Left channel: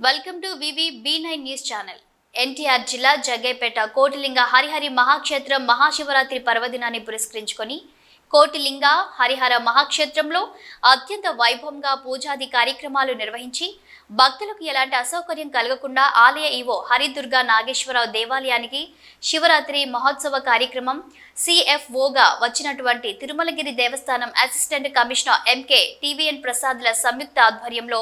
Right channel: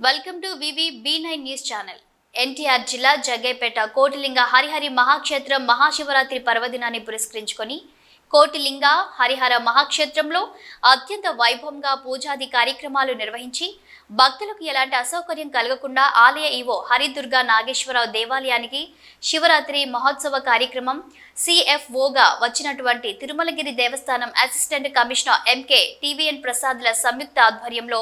Welcome to VV B nine news channel. NTR జిల్లా జగ్గైపేట కోటిలింగ హరిహరి మహాక్షేత్రం మహాశివరాత్రి పర్వదినాన్ని పురస్కరించుకొని కోటిలింగ హరిహర మహాక్షేత్రంలో అత్యంత వైభవంగా పూజాది కార్యక్రమాలు నిర్వహించి భక్తులకు ఎలాంటి అసౌకర్యం కలగకుండా ఆలయ ఈవో హరిదుర్గా నాగేశ్వరరావు దేవాలయానికి శివరాత్రి మహోత్సవ కార్యక్రమం సిఎఫ్ఓగా వచ్చినటువంటి తిరుమలగిరి దేవస్థానం అసిస్టెంట్ కమిషనర్ ఎంకే టీవీఎన్ ప్రసాద్ల సంయుక్త ఆధ్వర్యంలో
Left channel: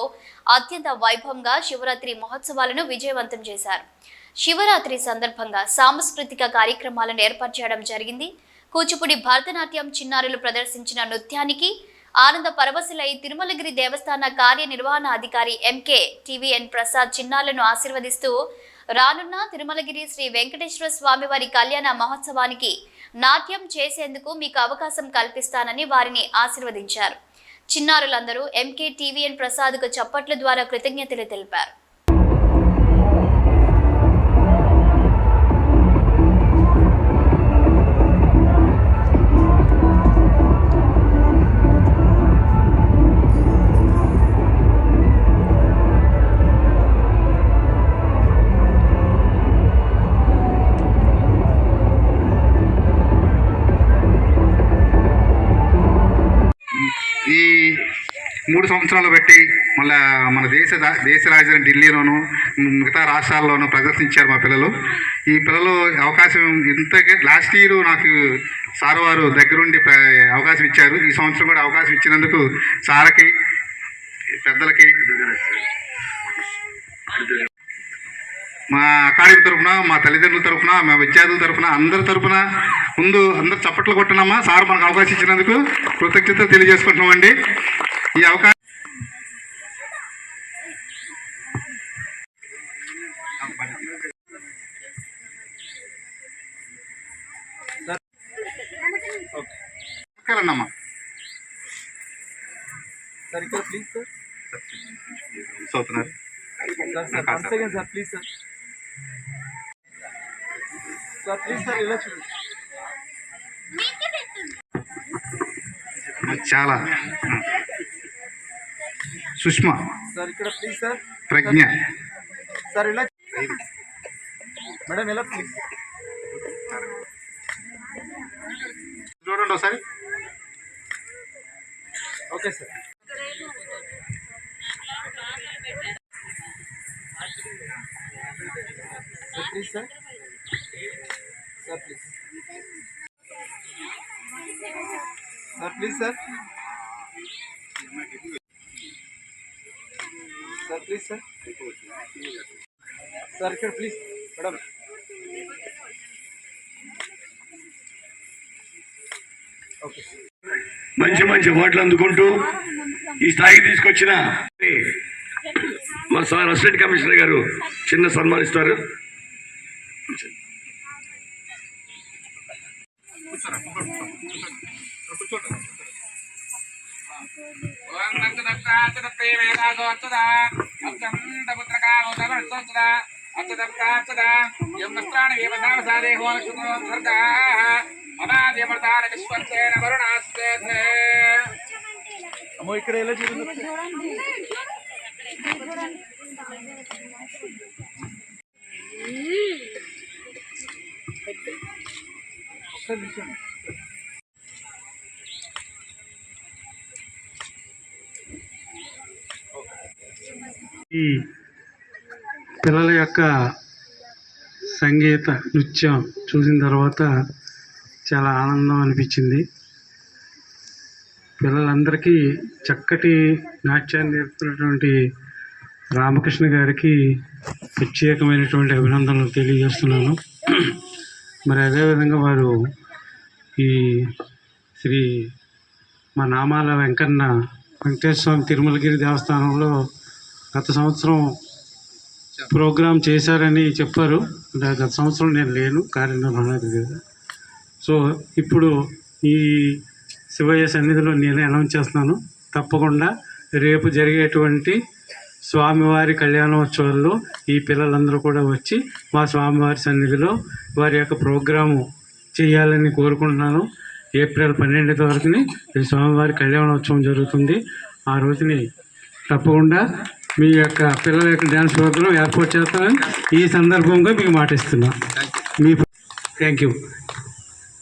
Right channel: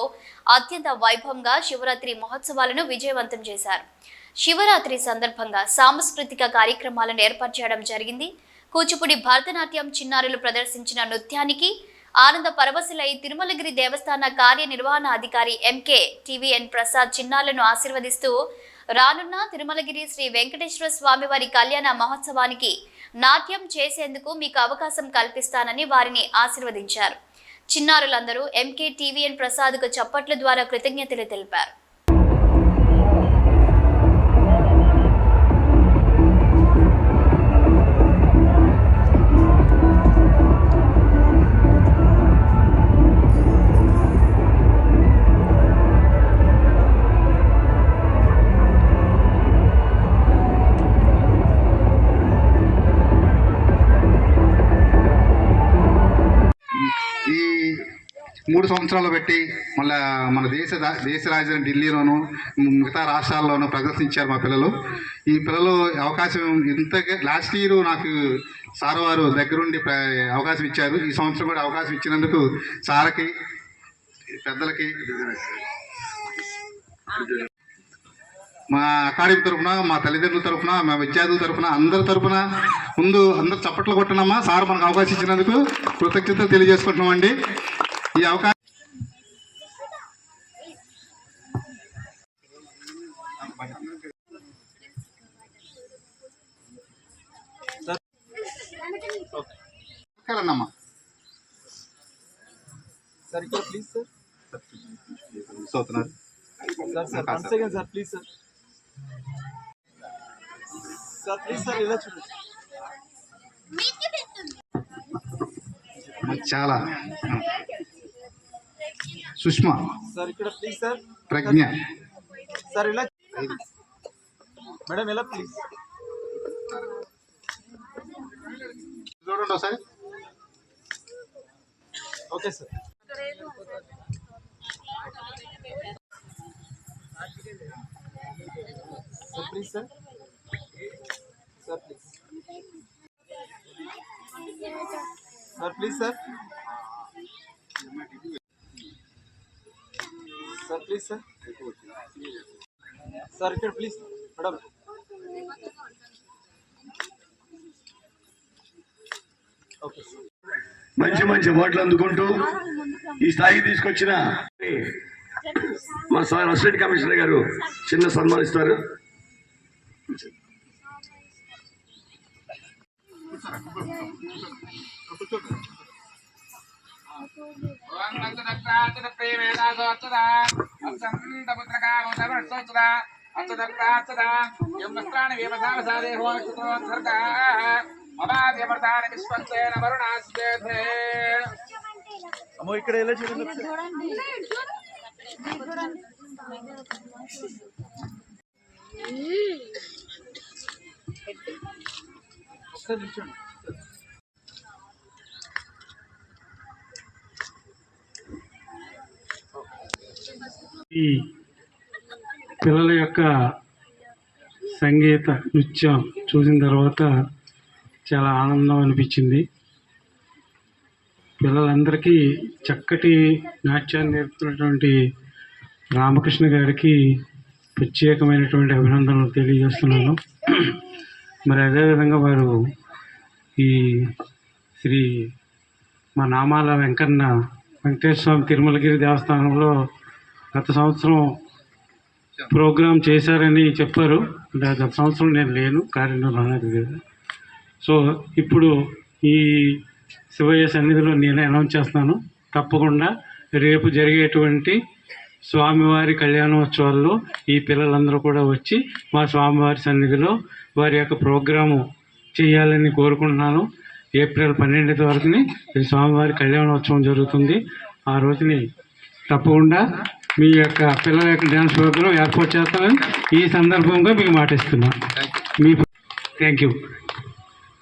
అత్యంత వైభవంగా శివరాత్రి మహోత్సవాలను విజయవంతం చేశారు. శివరాత్రి సందర్భంగా సాంస్కృతిక కార్యక్రమాలను ఏర్పాటు చేయడం జరిగింది. కూచిపూడి భరతనాట్యం చిన్నారులు ప్రదర్శించిన నృత్యానికి ఆనంద పరవశులై తిరుమలగిరి దేవస్థాన కార్యనిర్వహణ అధికారి ఎంకే టీవీఎన్ ప్రసాద్ చిన్నాలను ఆశీర్వదిస్తూ రానున్న తిరుమలగిరి శ్రీ వెంకటేశ్వర స్వామివారి కళ్యాణ మహోత్సవానికి నాట్యం చేసేందుకు మీకు అవకాశం కల్పిస్తానని వారిని ఆశీర్వదించారు. చిన్నారులందరూ ఎంకే టీవీఎన్ ప్రసాద్కు చప్పట్ల ద్వారా కృతజ్ఞతలు తెలిపారు. మూడు సంవత్సరాలు పెట్టి మళ్ళా మన దేశ దేశ రాజధాని ఢిల్లీలోను మిగతా రాష్ట్రాల్లోనూ ప్రదర్శించారు మా పిల్లలు. ఈ పిల్లలు అవకాశం ఇంత లాస్ట్ ఇయర్ నాకు సార్ వారు దగ్గరుండి అవకాశం ఇచ్చారు. ఈ సంవత్సరం కూడా అవకాశం ఇచ్చినందుకు సార్కి పెద్దలకి మా అకాడమీ తరఫున మా తల్లిదండ్రుల తరఫున మా విద్యార్థుల తరఫున అందరి తరఫున ముందు అందరు చప్పట్లు కొట్టినమ్మా. సార్ మనకు అవకాశం ఇచ్చినందుకు కృతజ్ఞతలు తెలియజేసుకుంటున్నామండి. ఈ అవకాశం సార్ ఇక్కడ please sir సోతున్నారు. Sir please sir sir please sir ఇలా చూడండి చాలా. సుష్మా. సార్ ఇక్కడ ప్లీజ్ సార్. ప్రజ్ఞ. సార్ ఇలా మేడం ఎలా ప్లీజ్ చూడండి ఒకసారి. Okay sir. Please sir. Sir please sir sir please sir sir ఇక్కడ ప్లీజ్ మేడం మంచి మంచి ఓట్లు అందుకుంటూ ఈ స్థాయికి తీసుకొచ్చిన మా సార్ అసిస్టెంట్ కమిషనర్ గారు చిన్న సన్మానిస్తారు. ఓం నత్తదత్తాచ్చదప్రేమేకాగోత్తదా అత్తంతపుత్రకారోదవర్తోత్తదా అత్తదత్తాచ్చదా యం వస్త్రాణి వేమసావసాదే హోమక్షుత్రోత్సర్గా అబాధ్యమర్దాన విశ్వంతేన వరుణాస్తేధే అమ్మో ఇక్కడ ఎలా చూడండి ఒకసారి. ఈ పిల్లల యొక్క సంగీత నృత్యం చూసిన తర్వాత చాలా ఆనందం అనిపించింది. పిల్లలందరికీ చక్కటి నాట్యాన్ని నేర్పుతున్నటువంటి రామకృష్ణ గారికి ప్రత్యేకమైనటువంటి అభినందనలు తెలియజేస్తున్నాను. మరి అదేవిధంగా వారు ఈ శ్రీ మా నామాల వెంకన్న వెంకటేశ్వర స్వామి తిరుమలగిరి దేవస్థానంలో గత సంవత్సరం ప్రోగ్రాం చేశారని చెప్పారు. దా- గత సంవత్సరం నేను లేను కార్యనిర్వహణ సో ఇప్పుడు ఈ శివయ్య సన్నిధిలో నేను అనౌన్స్ చేస్తున్నాను. తప్పకుండా రేపు జరిగేటువంటి స్వామివారి కళ్యాణోత్సవాల్లో ఈ పిల్లలందరూ కూడా వచ్చి మా స్వామివారి సన్నిధిలో వారి యొక్క ప్రోగ్రాము చేయాలని కోరుకుంటున్నాను. ఏప్రిల్ పన్నెండు వరకుని స్వామివారి కళ్యాణోత్సవం జరుగుతుంది. ఆ రోజుని తప్పకుండా మీ యొక్క పిల్లల యొక్క డ్యాన్స్ ప్రోగ్రాం ఏర్పాటు చేస్తామని ఈ సందర్భంగా మీకు మాటిస్తున్నా. Me thank you